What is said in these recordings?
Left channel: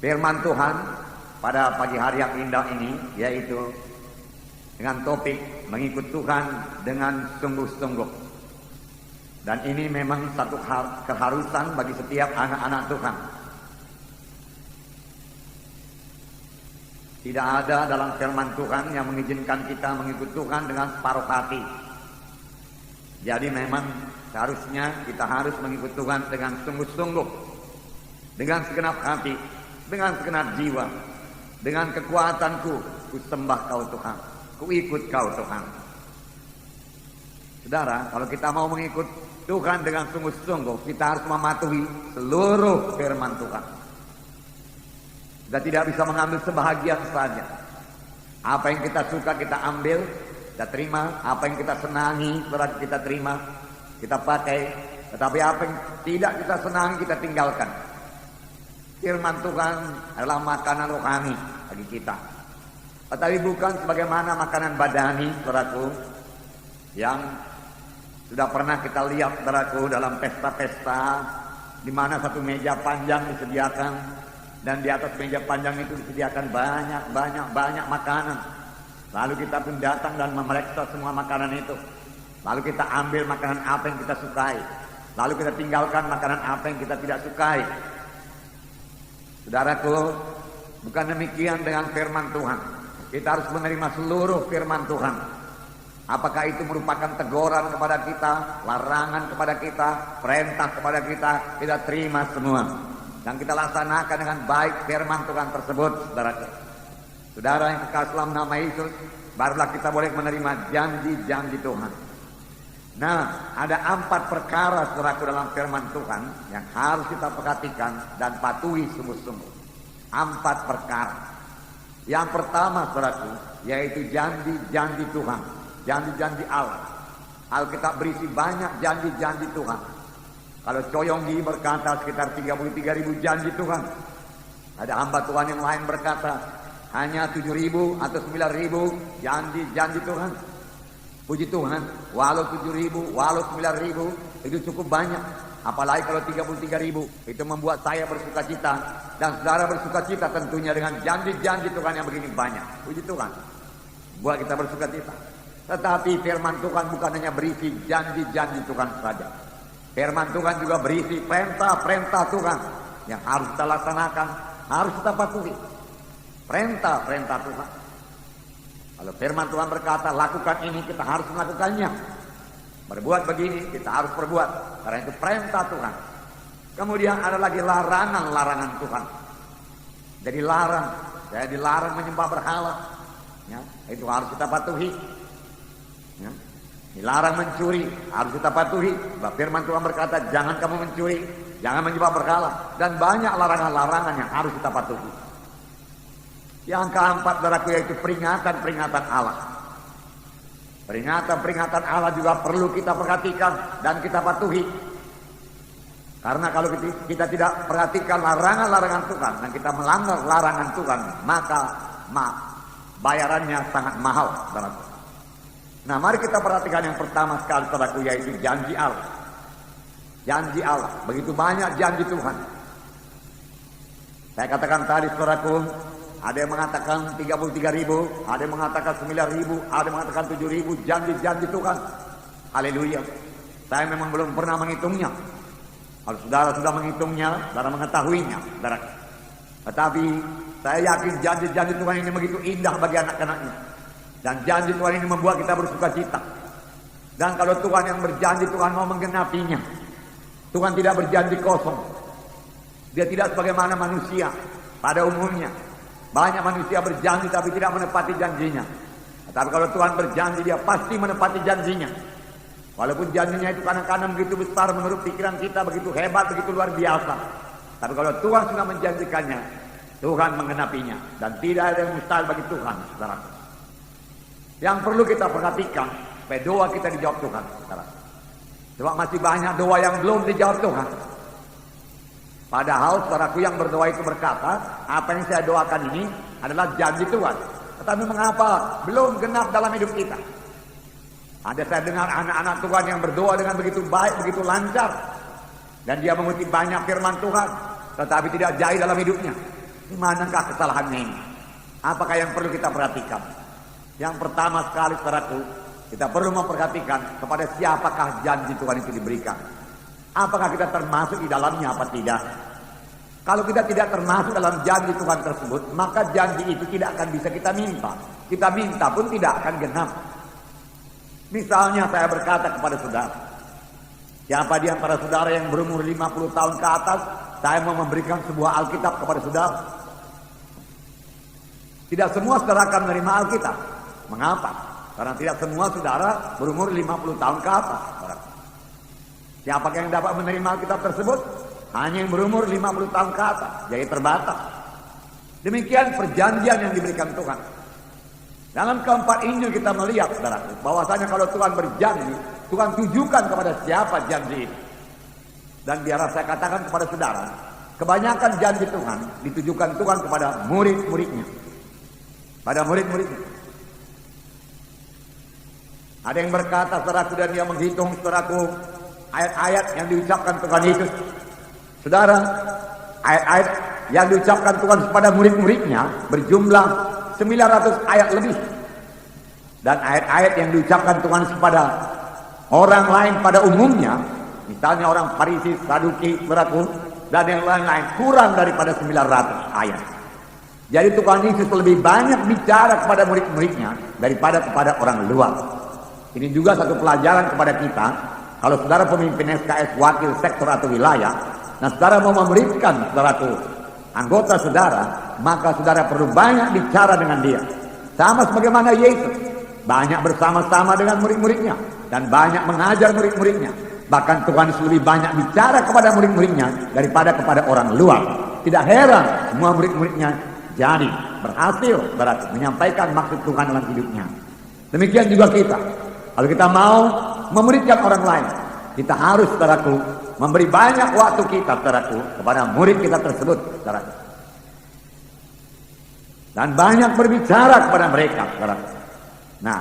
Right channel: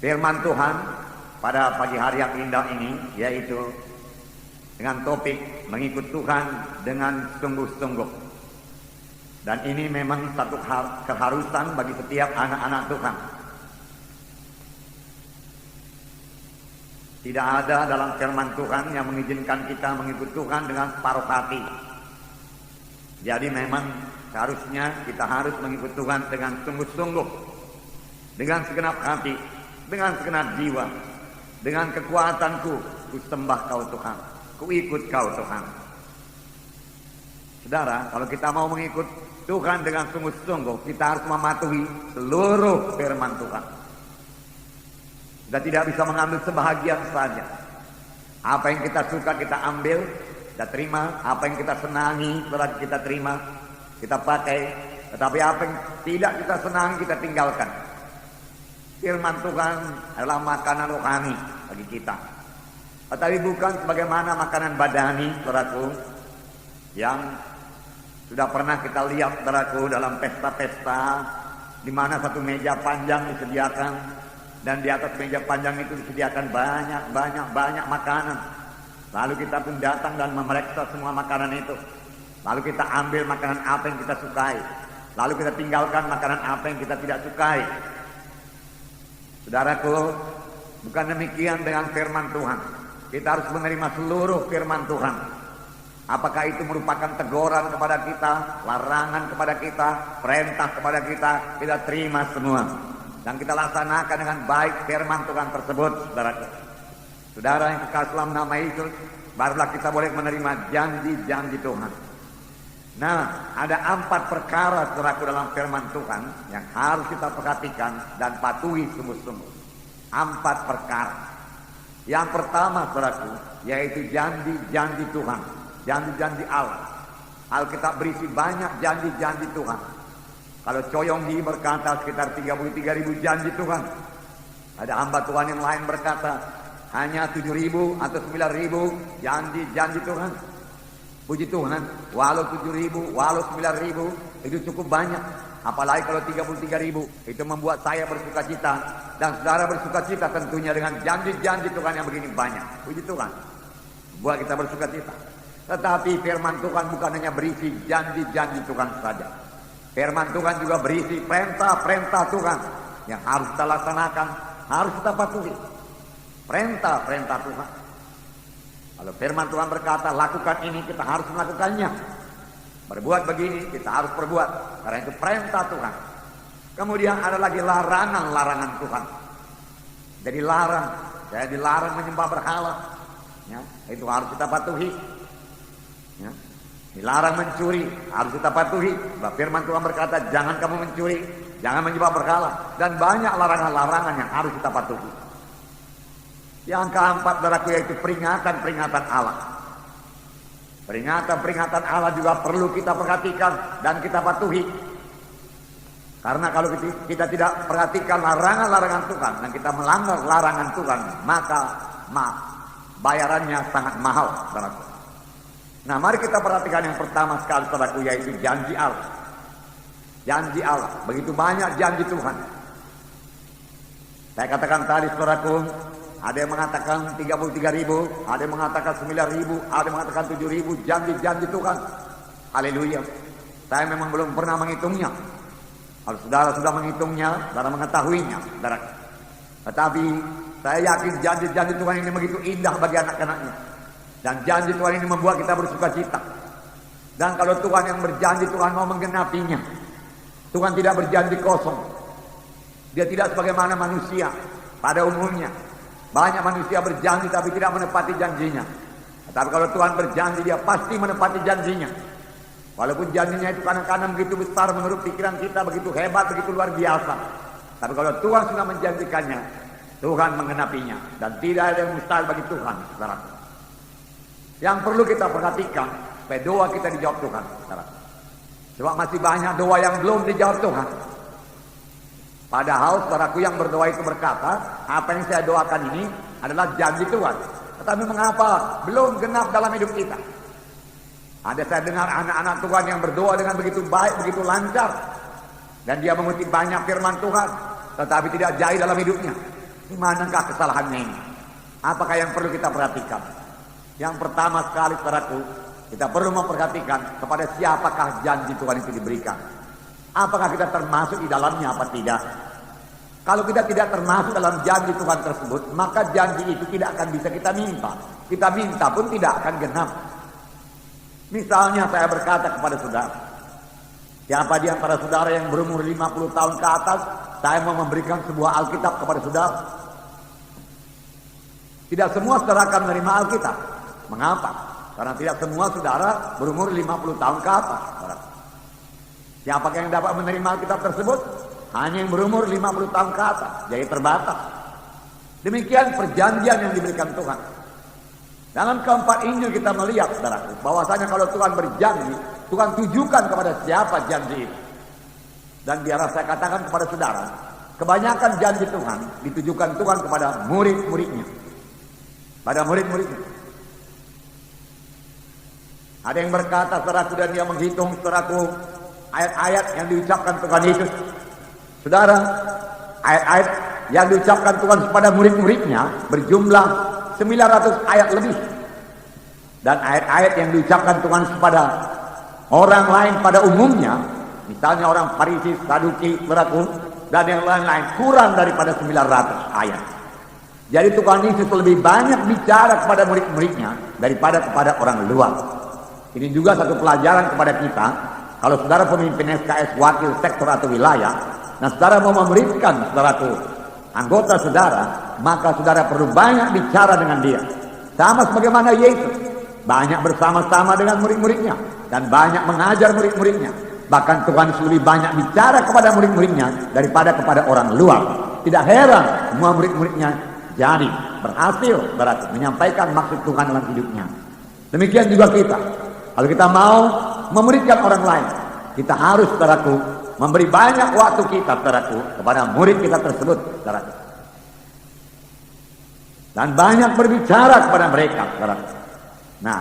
firman Tuhan pada pagi hari yang indah ini, yaitu dengan topik mengikut Tuhan dengan sungguh-sungguh. Dan ini memang satu keharusan bagi setiap anak-anak Tuhan. Tidak ada dalam firman Tuhan yang mengizinkan kita mengikut Tuhan dengan separuh hati. Jadi memang seharusnya kita harus mengikut Tuhan dengan sungguh-sungguh, dengan segenap hati, dengan segenap jiwa, dengan kekuatanku, ku sembah Kau Tuhan, ku ikut Kau Tuhan. Saudara, kalau kita mau mengikut Tuhan dengan sungguh-sungguh, kita harus mematuhi seluruh firman Tuhan. Kita tidak bisa mengambil sebahagian saja. Apa yang kita suka kita ambil, kita terima. Apa yang kita senangi kita terima, kita pakai. Tetapi apa yang tidak kita senangi kita tinggalkan. Firman Tuhan adalah makanan rohani bagi kita. Tetapi bukan sebagaimana makanan badani, saudaraku, yang sudah pernah kita lihat, saudaraku, dalam pesta-pesta di mana satu meja panjang disediakan. Dan di atas meja panjang itu disediakan banyak makanan. Lalu kita pun datang dan memeriksa semua makanan itu. Lalu kita ambil makanan apa yang kita sukai. Lalu kita tinggalkan makanan apa yang kita tidak sukai. Saudaraku, bukan demikian dengan firman Tuhan. Kita harus menerima seluruh firman Tuhan. Apakah itu merupakan teguran kepada kita, larangan kepada kita, perintah kepada kita, kita terima semua. Dan kita laksanakan dengan baik firman Tuhan tersebut, saudaraku. Saudara yang kekasih dalam nama Yesus, barulah kita boleh menerima janji-janji Tuhan. Nah, ada 4 perkara, saudaraku, dalam firman Tuhan yang harus kita perhatikan dan patuhi sungguh-sungguh. 4 perkara. Yang pertama, saudaraku, yaitu janji-janji Tuhan, janji-janji Allah. Alkitab berisi banyak janji-janji Tuhan. Kalau Coyonggi berkata sekitar 33.000 janji Tuhan. Ada hamba Tuhan yang lain berkata hanya 7.000 atau 9.000 janji-janji Tuhan. Puji Tuhan, walau 7.000, walau 9.000 itu cukup banyak. Apalagi kalau 33.000, itu membuat saya bersuka cita. Dan saudara bersuka cita tentunya dengan janji-janji Tuhan yang begini banyak. Puji Tuhan, buat kita bersuka cita. Tetapi firman Tuhan bukan hanya berisi janji-janji Tuhan saja. Firman Tuhan juga berisi perintah-perintah Tuhan yang harus kita laksanakan, harus kita patuhi. Perintah-perintah Tuhan. Kalau firman Tuhan berkata lakukan ini, kita harus melakukannya. Berbuat begini, kita harus berbuat. Karena itu perintah Tuhan. Kemudian ada lagi larangan-larangan Tuhan. Jadi saya dilarang menyembah berhala. Ya, itu harus kita patuhi. Ya. Dilarang mencuri, harus kita patuhi. Sebab firman Tuhan berkata, jangan kamu mencuri, jangan menyembah berhala. Dan banyak larangan-larangan yang harus kita patuhi. Yang keempat, saudaraku, yaitu peringatan-peringatan Allah. Peringatan-peringatan Allah juga perlu kita perhatikan dan kita patuhi. Karena kalau kita tidak perhatikan larangan-larangan Tuhan dan kita melanggar larangan Tuhan, maka bayarannya sangat mahal, saudaraku. Nah, mari kita perhatikan yang pertama sekali, saudaraku, yaitu janji Allah. Janji Allah, begitu banyak janji Tuhan. Saya katakan tadi, saudaraku, ada yang mengatakan 33.000, ada yang mengatakan 9.000, ada yang mengatakan 7.000 janji-janji Tuhan. Haleluya. Saya memang belum pernah menghitungnya. Kalau saudara sudah menghitungnya, saudara mengetahuinya, saudara. Tetapi saya yakin janji-janji Tuhan ini begitu indah bagi anak-anaknya. Dan janji Tuhan ini membuat kita bersuka cita. Dan kalau Tuhan yang berjanji, Tuhan mau menggenapinya. Tuhan tidak berjanji kosong. Dia tidak sebagaimana manusia pada umumnya. Banyak manusia berjanji tapi tidak menepati janjinya. Tetapi kalau Tuhan berjanji, dia pasti menepati janjinya. Walaupun janjinya itu kadang-kadang begitu besar menurut pikiran kita, begitu hebat, begitu luar biasa. Tapi kalau Tuhan sudah menjanjikannya, Tuhan menggenapinya. Dan tidak ada yang mustahil bagi Tuhan, saudara. Yang perlu kita perhatikan, supaya doa kita dijawab Tuhan, saudara. Cuma masih banyak doa yang belum dijawab Tuhan. Padahal saudaraku yang berdoa itu berkata, apa yang saya doakan ini adalah janji Tuhan. Tetapi mengapa belum genap dalam hidup kita? Ada saya dengar anak-anak Tuhan yang berdoa dengan begitu baik, begitu lancar. Dan dia mengutip banyak firman Tuhan, tetapi tidak jaya dalam hidupnya. Di manakah kesalahannya ini? Apakah yang perlu kita perhatikan? Yang pertama sekali, saudaraku, kita perlu memperhatikan kepada siapakah janji Tuhan itu diberikan. Apakah kita termasuk di dalamnya apa tidak? Kalau kita tidak termasuk dalam janji Tuhan tersebut, maka janji itu tidak akan bisa kita minta. Kita minta pun tidak akan genap. Misalnya saya berkata kepada saudara, siapa di antara saudara yang berumur 50 tahun ke atas, saya mau memberikan sebuah Alkitab kepada saudara. Tidak semua saudara akan menerima Alkitab. Mengapa? Karena tidak semua saudara berumur 50 tahun ke atas. Siapakah yang dapat menerima Alkitab tersebut? Hanya yang berumur 50 tahun ke atas, jadi terbatas. Demikian perjanjian yang diberikan Tuhan. Dalam keempat Injil kita melihat, saudaraku, bahwasanya kalau Tuhan berjanji, Tuhan tujukan kepada siapa janji itu. Dan biar saya katakan kepada saudara, kebanyakan janji Tuhan ditujukan Tuhan kepada murid-muridnya. Pada murid-muridnya. Ada yang berkata, saudaraku, dan dia menghitung, saudaraku, ayat-ayat yang diucapkan Tuhan Yesus. Saudara, ayat-ayat yang diucapkan Tuhan kepada murid-muridnya berjumlah 900 ayat lebih. Dan ayat-ayat yang diucapkan Tuhan kepada orang lain pada umumnya, misalnya orang Farisi, Saduki, saudaraku, dan yang lain-lain, kurang daripada 900 ayat. Jadi Tuhan Yesus lebih banyak bicara kepada murid-muridnya daripada kepada orang luar. Ini juga satu pelajaran kepada kita. Kalau saudara pemimpin SKS, wakil sektor atau wilayah, nah saudara mau memberikan saudaraku anggota saudara, maka saudara perlu banyak bicara dengan dia. Sama sebagaimana Yesus banyak bersama-sama dengan murid-muridnya dan banyak mengajar murid-muridnya. Bahkan Tuhan Yesus lebih banyak bicara kepada murid-muridnya daripada kepada orang luar. Tidak heran semua murid-muridnya jadi berhasil berarti menyampaikan maksud Tuhan dalam hidupnya. Demikian juga kita. Kalau kita mau memuridkan orang lain, kita harus, saudaraku, memberi banyak waktu kita, saudaraku, kepada murid kita tersebut, saudaraku. Dan banyak berbicara kepada mereka, saudaraku. Nah,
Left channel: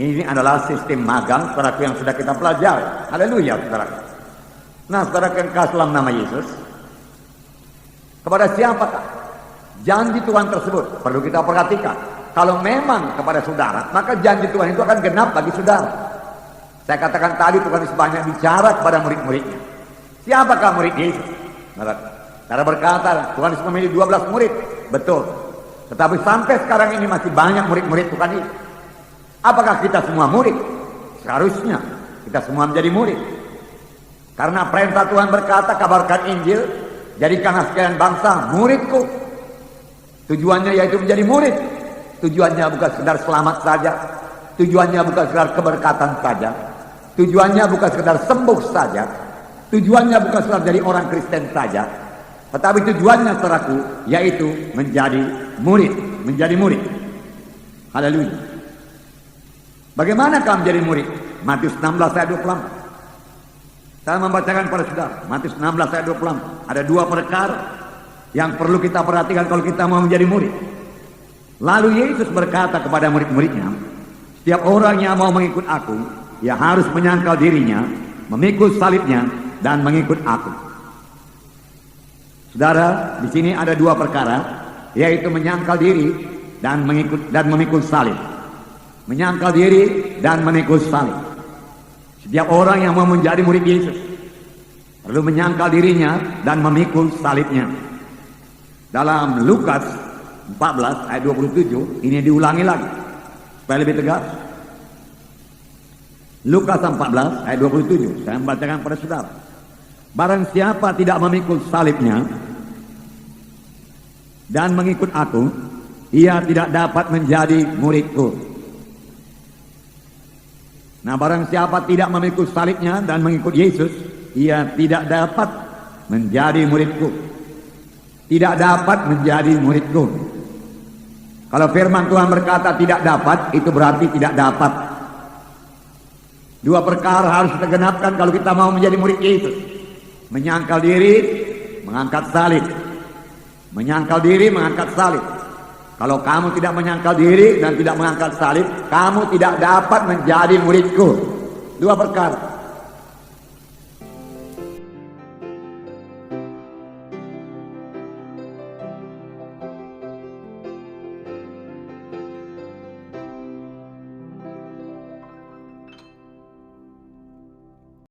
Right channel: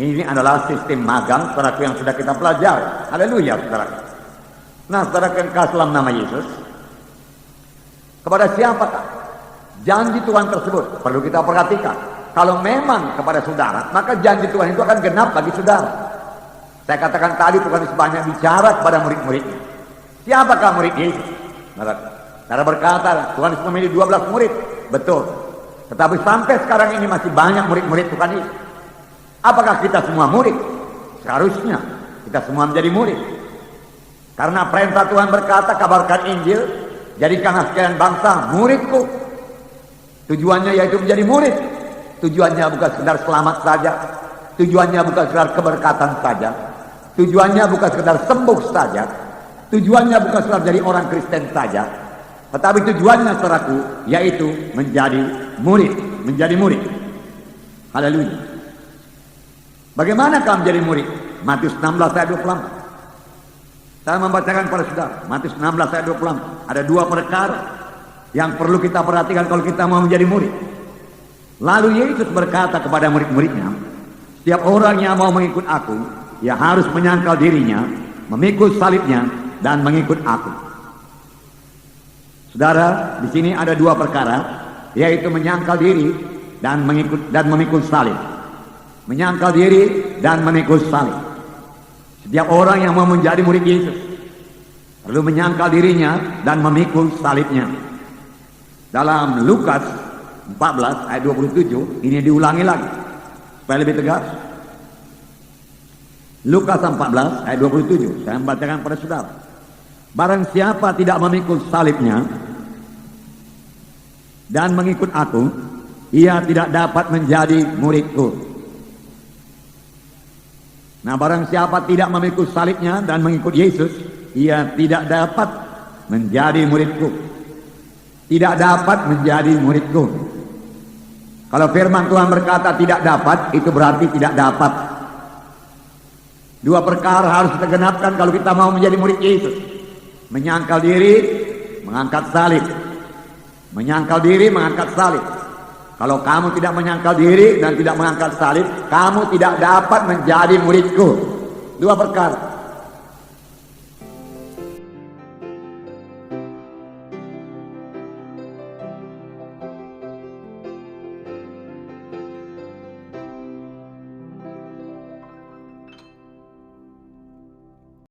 ini adalah sistem magang, saudaraku, yang sudah kita pelajari. Haleluya, saudaraku. Nah, saudaraku yang kasih dalam nama Yesus, kepada siapakah janji Tuhan tersebut? Perlu kita perhatikan. Kalau memang kepada saudara, maka janji Tuhan itu akan genap bagi saudara. Saya katakan tadi Tuhan Yesus banyak bicara kepada murid-muridnya. Siapakah murid Yesus? Cara berkata, Tuhan Yesus memilih 12 murid. Betul. Tetapi sampai sekarang ini masih banyak murid-murid Tuhan Yesus. Apakah kita semua murid? Seharusnya kita semua menjadi murid. Karena perintah Tuhan berkata, kabarkan Injil, jadikanlah sekalian bangsa muridku. Tujuannya yaitu menjadi murid. Tujuannya bukan sekedar selamat saja. Tujuannya bukan sekedar keberkatan saja. Tujuannya bukan sekedar sembuh saja. Tujuannya bukan sekedar jadi orang Kristen saja. Tetapi tujuannya, saudaraku, yaitu menjadi murid. Menjadi murid. Haleluya. Bagaimana kamu menjadi murid? Matius 16 ayat 24. Saya membacakan pada saudara. Matius 16 ayat 24. Ada dua perkara yang perlu kita perhatikan kalau kita mau menjadi murid. Lalu Yesus berkata kepada murid-muridnya, setiap orang yang mau mengikut aku, ia harus menyangkal dirinya, memikul salibnya, dan mengikut aku. Saudara, di sini ada dua perkara, yaitu menyangkal diri dan memikul salib. Menyangkal diri dan memikul salib. Setiap orang yang mau menjadi murid Yesus perlu menyangkal dirinya dan memikul salibnya. Dalam Lukas 14 ayat 27 ini diulangi lagi supaya lebih tegas. Lukas 14 ayat 27 saya membacakan pada saudara. Barang siapa tidak memikul salibnya dan mengikut aku, ia tidak dapat menjadi muridku. Nah, barang siapa tidak memikul salibnya dan mengikut Yesus, ia tidak dapat menjadi muridku. Tidak dapat menjadi muridku. Kalau firman Tuhan berkata tidak dapat, itu berarti tidak dapat. Dua perkara harus kita genapkan kalau kita mau menjadi murid Yesus. Menyangkal diri, mengangkat salib. Menyangkal diri, mengangkat salib. Kalau kamu tidak menyangkal diri dan tidak mengangkat salib, kamu tidak dapat menjadi muridku. Dua perkara.